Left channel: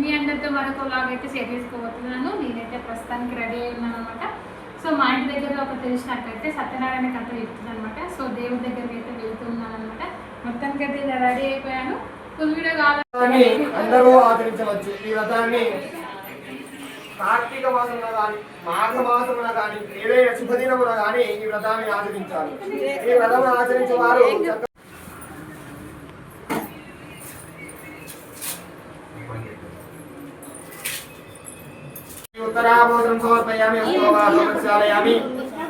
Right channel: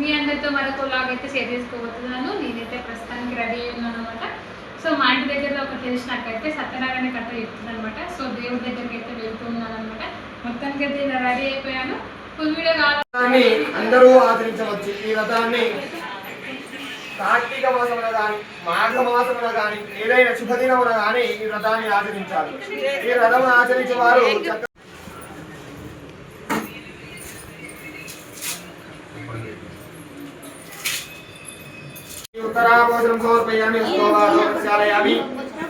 మీ అందరితో మరొక వ్లాగ్ అయితే షేర్ చేసుకోబోతున్నాను. నేనైతే ప్రస్తుతానికి రెడీ అయి ఉన్నాను అనమాట. సో మా ఇంటి దగ్గర ఒక తెలిసినక్కయితే సత్యనారాయణ కథ చెప్తుంది అనమాట. సో దేవుడి దగ్గరికి అయితే వెళ్తున్నాను అనమాట. మొత్తానికి అయితే ఇలా రెడీ అయిపోయాను. ఫుల్ వీడియో కావాలి అందరూ ఆచరించవచ్చు. ఈ వ్రతాన్ని కార్తీక మాసమున కానీ మాఘ మాసమున కానీ ఏదైనా శుభదినమున కానీ ఈ వ్రతాన్ని ఆచరించాలి. ఈ వ్రతం ఆచరించే వారు उत्तराभूतं समर्पयामि उत्तराभूतशालयामि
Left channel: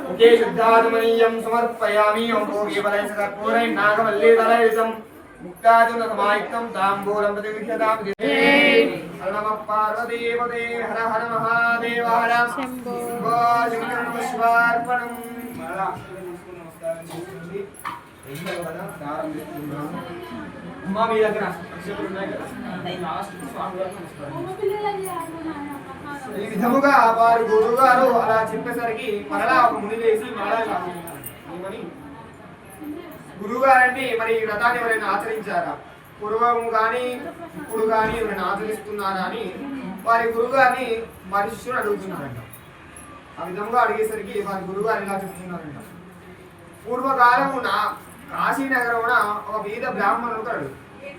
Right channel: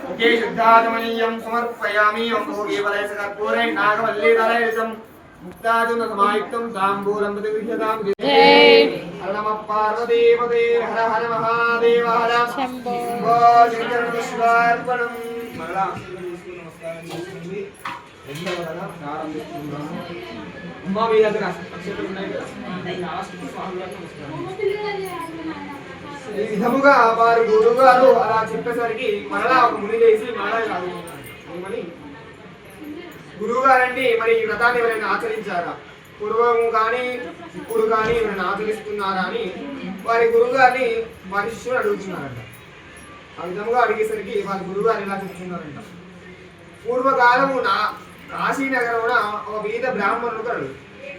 मुखे शुद्धाचमनीयं समर्पयामि ओं भोगे बलैः कर्पूरेण नागवल्लीदलैर्जं मुक्ताजुनसमायुक्तं ताम्बूलं प्रतिगृह्यतां जय नमः पार्वतीपते हर हर महादेव हर शम्भो शङ्करनमस्वार्पणं मरणा नमस्कारं చేయండి. ఎంతవరగా ప్రారంభిస్తున్నాము. ఉమ్మా మీ దగ్గర అక్షతలు ఉన్నాయి కదా, లాస్ట్ స్వామి గారికి నమస్కారం. ఈ విధముగా వారు గురువు గారు అలా చెప్పేసరికి మరలా ఒక ముని చేసి మరలా కాదుమని గురువు గారండి, మరి ఈ వ్రతాన్ని ఎవరైనా ఆచరించారా, పూర్వము కానీ ఇప్పుడు కానీ ఎవరైనా ఆచరిస్తున్నారా అని వారి గురువు గారిని వారి శిష్యుడు అడుగుతున్నారంట. ఆ విధముగా అడిగేసరికి వారి గురువు గారు ఇలా చెప్తున్నారంట. పూర్వకాలమున కాశీనగరమున ఒక వేద బ్రాహ్మణుడు కలడు.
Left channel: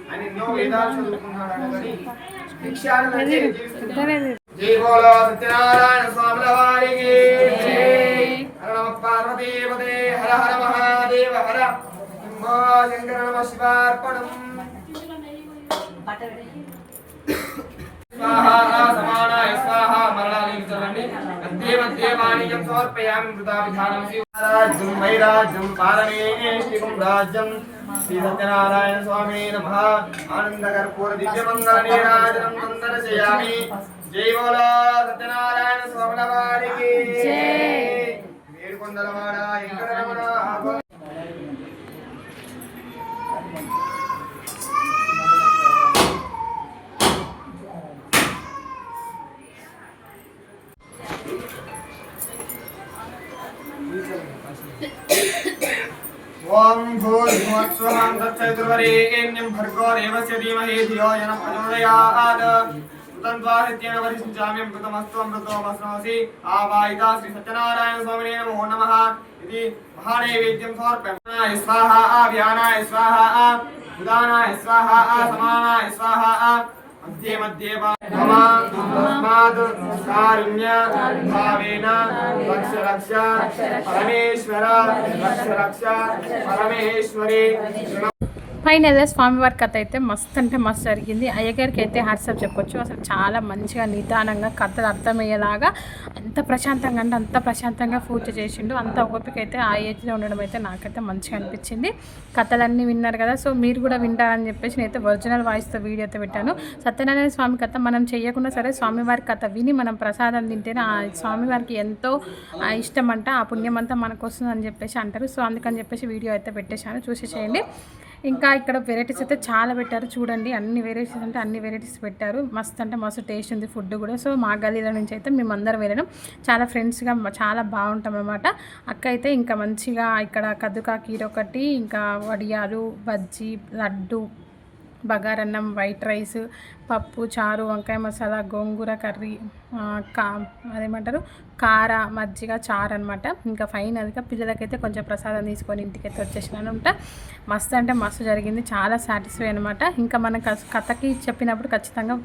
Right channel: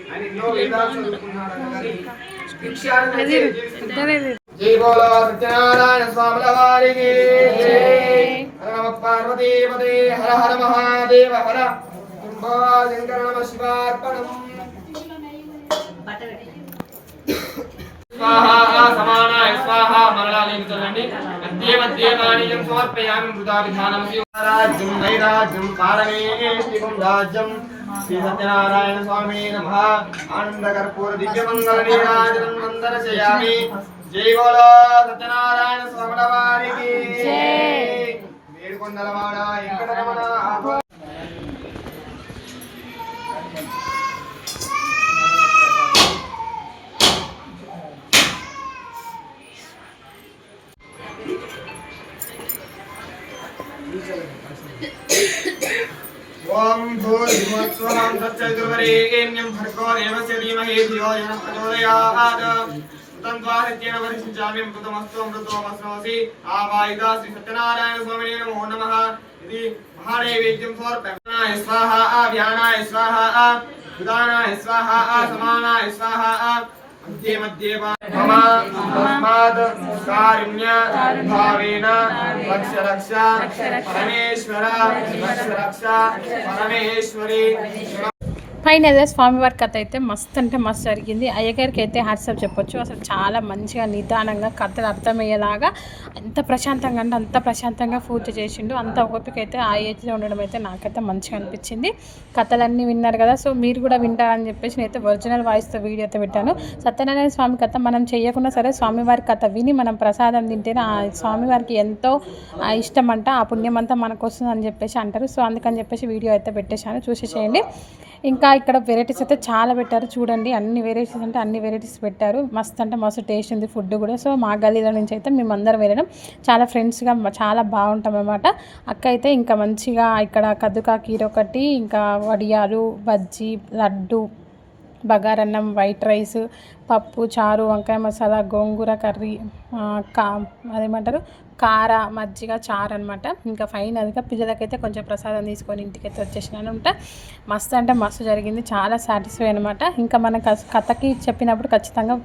ఆయన ఎన్నో వేదాలు చదువుకున్నాడు కానీ భిక్షాన్ని జై బోలో సత్యనారాయణ స్వాముల వారికి జై. హర నమ పార్వతీపదే హర హర మహాదేవ హర శంభో శంకర నమ శివార్పణం. స్వాహా సమానాయ స్వాహా మరళాలేమి చల్లండి. మధ్య మధ్య పానీయం సమర్పయామి మృదా విధానం రాజ్యం వైరాజ్యం పారమేష్టికం రాజ్యం శ్రీ సత్యనారాయణ స్వామి నమః. ఆనంద కర్పూర దివ్యమంగళ నీరాజనం సందర్శయామి. జై బోలో సత్యనారాయణ స్వాముల వారికి జై. వేడుకొండలవాడ వెంకటరమణ ఓం భూర్భువస్సుః తత్సవితుర్వరేణ్యం భర్గో దేవస్య ధీమహి ధియో యనః ప్రచోదయాత్. ృతంద్వాసత్యేన పరిశించామి అమృతమస్తు అమృతోమస్నోసి ఆవాయితా శ్రీ సత్యనారాయణ స్వామినే నమో నమః. ఇది మహానైవేద్యం సమర్పయామి. స్వాహా వ్యానాయ స్వాహా ఉదానాయ స్వాహా సమానాయ స్వాహా మధ్య మధ్య మమ తస్మాత్ కారుణ్య భావేన రక్ష రక్ష పరమేశ్వర రక్ష రక్ష పరమేశ్వరి. ఫైనల్గా స్వామివారి కథ అయితే మస్తు అంటే మస్తు జరిగింది. అయ్యగారికి అయితే హ్యాట్సాప్ చెప్పొచ్చు. అసలు చాలా మంచిగా నిదానంగా కథలు అర్థమయ్యేలాగా అంత ప్రశాంతంగా అంటే అంత ప్రశాంతంగా పూజ చేసిండు. అంత ఓపిక అయితే ఆ ఏజ్లో ఉండడం అయితే నాకైతే మంచిగా అనిపించింది. కథలన్నీ విన్నారు కదా, సో మీరు కూడా వింటారని చెప్పేసి నేనైతే ఒరిజినల్ వాయిస్తో వీడియో అయితే పెట్టాను. సత్యనారాయణ స్వామి కథ మనం చేయకుండా సరే స్వామివారి కథ విని మనం ప్రసాదం తింటేనే ఆ స్వామివారికి ఎంతో ఇష్టం అంట, ఆ పుణ్యం అంతా మనకు వస్తుంది అని చెప్పేసి అంటారు. సో అందుకని చెప్పేసి వీడియో అయితే పెట్టేశాను, చూసేసేయండి. ఇంకా ఇక్కడ వెరైటీస్ అయితే చాలా పెట్టారు చూడండి. అన్ని వెరైటీస్ అంటే అన్ని వెరైటీస్ పెట్టారు. మస్తు అంటే మస్తు టేస్ట్ ఉంది ఫుడ్ కూడా. సో మా గల్లీలో నుంచి అయితే మేమందరం వెళ్ళడం చాలా ఫ్రెండ్స్గా చాలా బాగుంటాం అన్నమాట. అక్క అయితే ఇంకా మంచిగా ఇక్కడ కద్దుకా కీర ఒకటి, ఇంకా వడియాలు, బజ్జీ, లడ్డు, బగారన్నం, వైట్ రైస్, పప్పు, చారు, వంకాయ మసాలా, గోంగూర కర్రీ, అదేమంటారు కార, మజ్జిగ, చారు అనమాట. ఇంకా ఫైనల్గా పిల్లలకైతే కొంచెం ప్రసాదం తీసుకొని ఇంటికైతే వచ్చేసినానంట. మస్తు అంటే మస్తు జరిగింది, చాలా సాటిస్ఫై అనమాట. ఇంకా మన కథకి చెప్పినప్పుడు ఖచ్చితంగా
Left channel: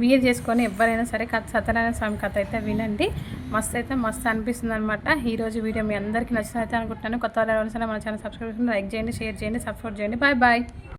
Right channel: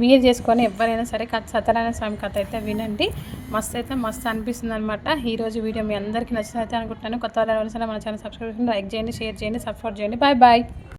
వీలు చేసుకొని ఎవరైనా సరే సత్యనారాయణ స్వామి కథ అయితే వినండి. మస్తు అయితే మస్తు అనిపిస్తుంది అనమాట. ఈరోజు వీడియో మీ అందరికీ నచ్చినైతే అనుకుంటున్నాను. కొత్త వాళ్ళు మన ఛానల్ సబ్స్క్రైబ్ చేయండి, లైక్ చేయండి, షేర్ చేయండి, సపోర్ట్ చేయండి. Bye bye.